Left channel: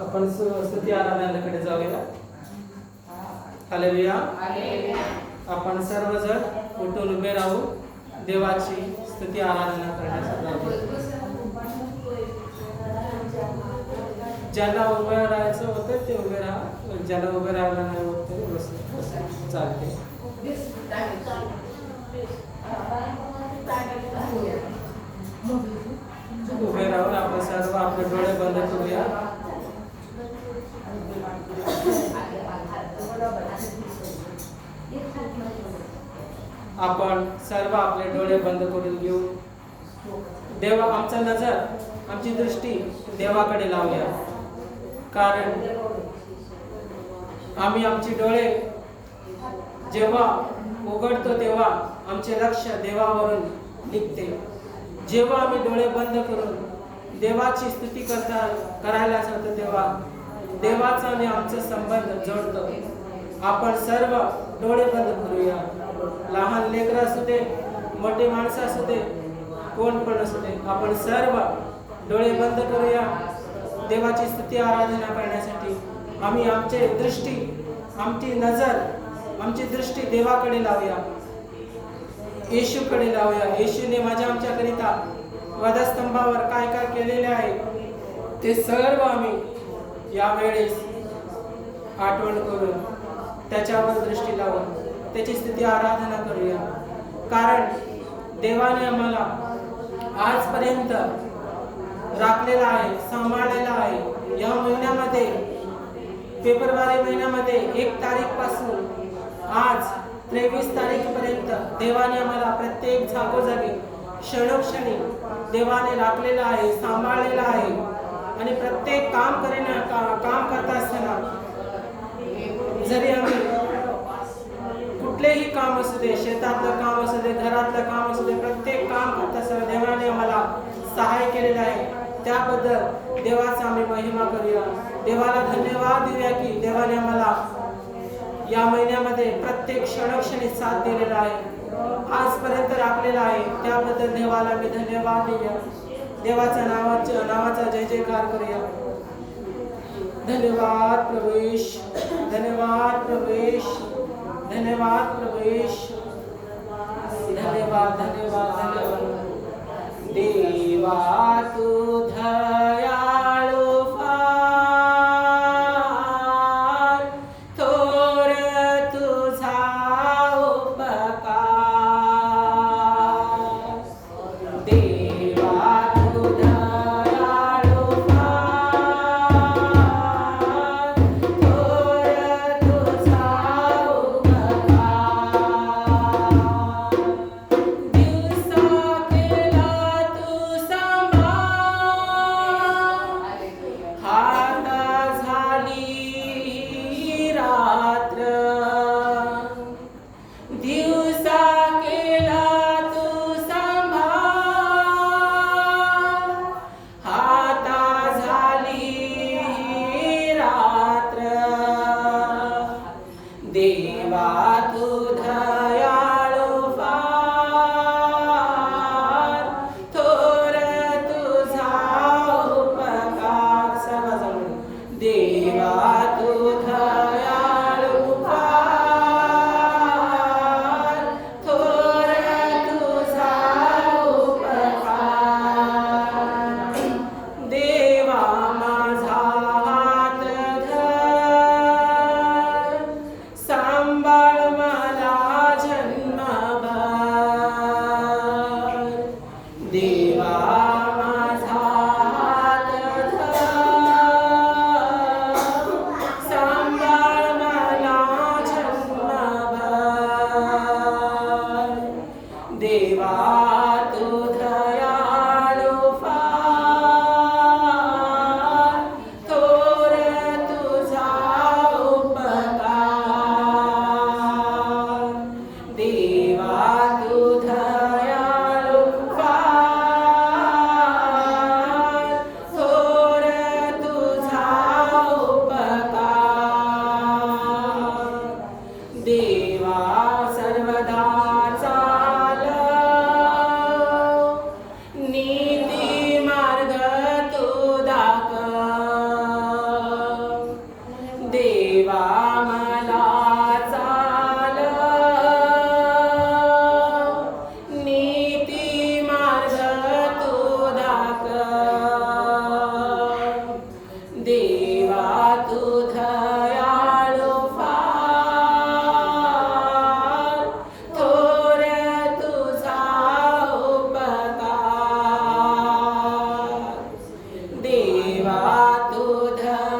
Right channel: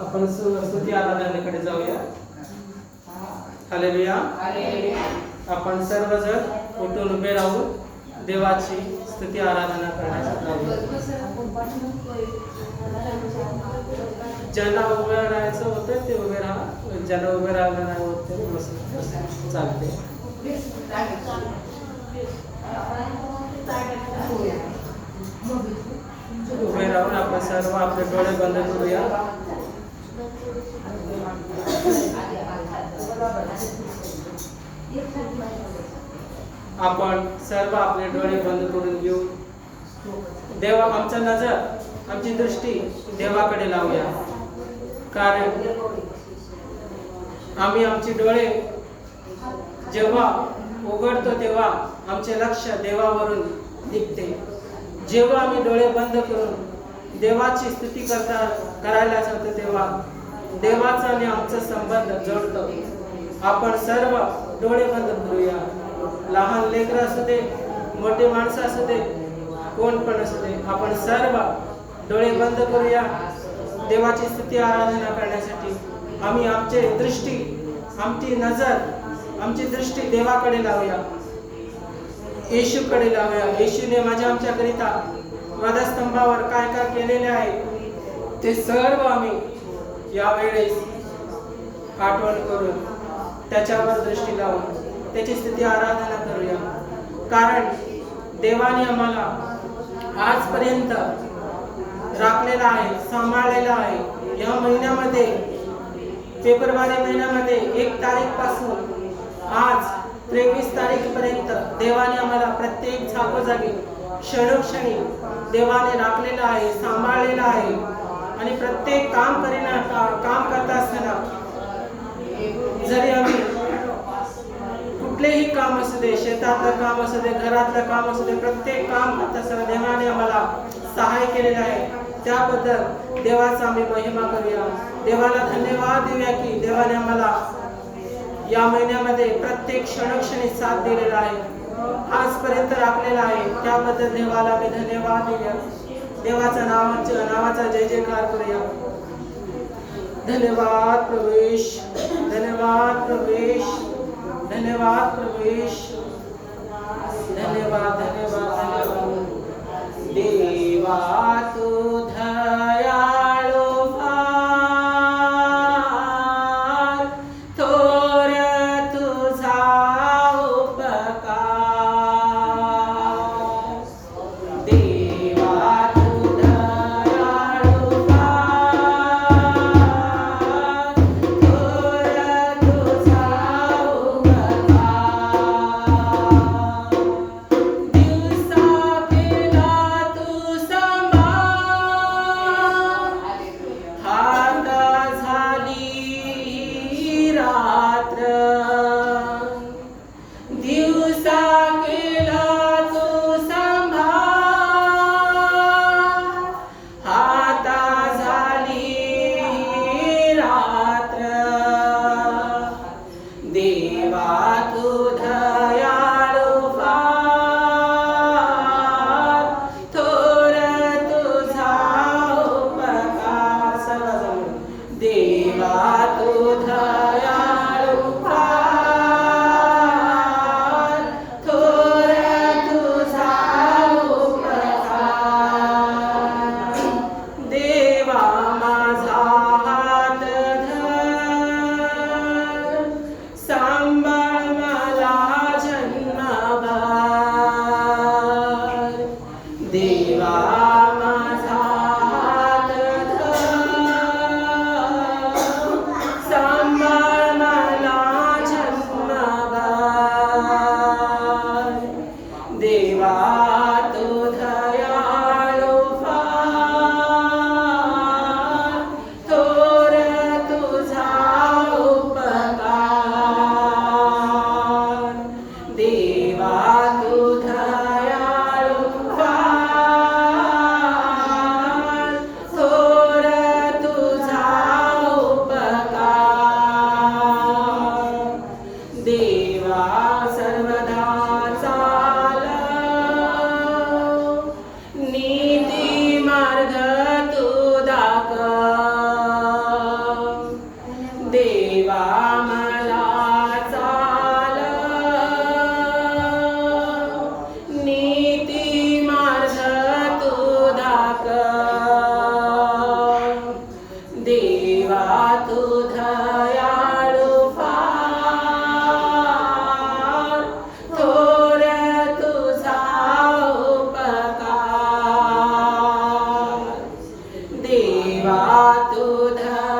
आपण स्तुती आराधनाकडे जाऊया. हालेलुया. आपण सर्वजण उठून उभे राहून देवाची स्तुती आराधना करण्यासाठी जाऊया. ज्यांना उभं राहायचं होतं ते उभे राहा, ज्यांना उभे राहायला नाही होत ते बस चालते. उभे राहून आपण सर्व आपले डोळे बंद करूया. आपण सर्व आपले डोळे बंद करून घेऊ. देवा आमचा नजर, आमची दृष्टी देवाकडे लावूया. कारण आम्ही आमची डोळे जेव्हा उघडतो तेव्हा आमचे लक्ष देवावरून निघते. जेव्हा आम्ही डोळे बंद करून देवाची स्तुती करायला जातो तेव्हा देवाचा आणि आमचा संबंध जोडतो. आपण सर्व डोळे बंद करूया. लहान लेकरं असू दे, मोठे माणसं असू दे, कोण पण असू दे, आपण सर्व डोळे बंद करूया देवाची स्तुती आराधना करण्यासाठी. आम्ही आमची दृष्टी, आमची नजर, आमची दृष्टी देवाकडे लावूया, येशूकडे लावूया. येशूने माझ्या आमच्याकरिता वधस्तंभावर काय काय केलेले आहे ते सर्व आम्ही यावेळेस आठवण करून त्याच्यावर दृष्टी लावून त्याची स्तुती आराधना करूया. कारण देवाने आम्हाला आजपर्यंत राखलेला आहे, सांभाळलेला आहे. या महिन्यामध्ये, फेब्रुवारी महिन्यामध्ये 1 तारीखपासून आज 23 तारीखपर्यंत देवाने आम्हाला प्रत्येक जागोजागी क्षणोक्षणी देवाने राखलेला आहे, सांभाळलेला आहे. आणि प्रत्येक काम करत असताना जरी आम्ही कुठलेही काम असू दे, शेतातलं काम असू दे, घरातलं काम असू दे, प्रत्येक काम करत असताना देवाने आम्हाला सहाय्य केलेलं आहे. त्याबद्दल देवाचा आम्ही महिमा करूया. देवाला धन्यवाद देऊया की देवाने आम्हाला या महिन्यामध्ये प्रत्येक क्षणोक्षणी साथ दिलेला आहे, आजपर्यंत राखलेला आहे. त्याबद्दल देवाला आम्ही धन्यवाद देऊया. देवाचा नावाचा जय जयकार करूया. धन्यवाद प्रभुश, धन्यवाद प्रभुश, धन्यवाद प्रभुश, धन्यवाद धन्यवाद धन्यवाद. देवा तू दयाळू फार, थोर तुझा उपकार. देवा तू दयाळू फार, थोर तुझा उपकार. दिवसा केला तू सांभाळ, देवा तू धर्माचा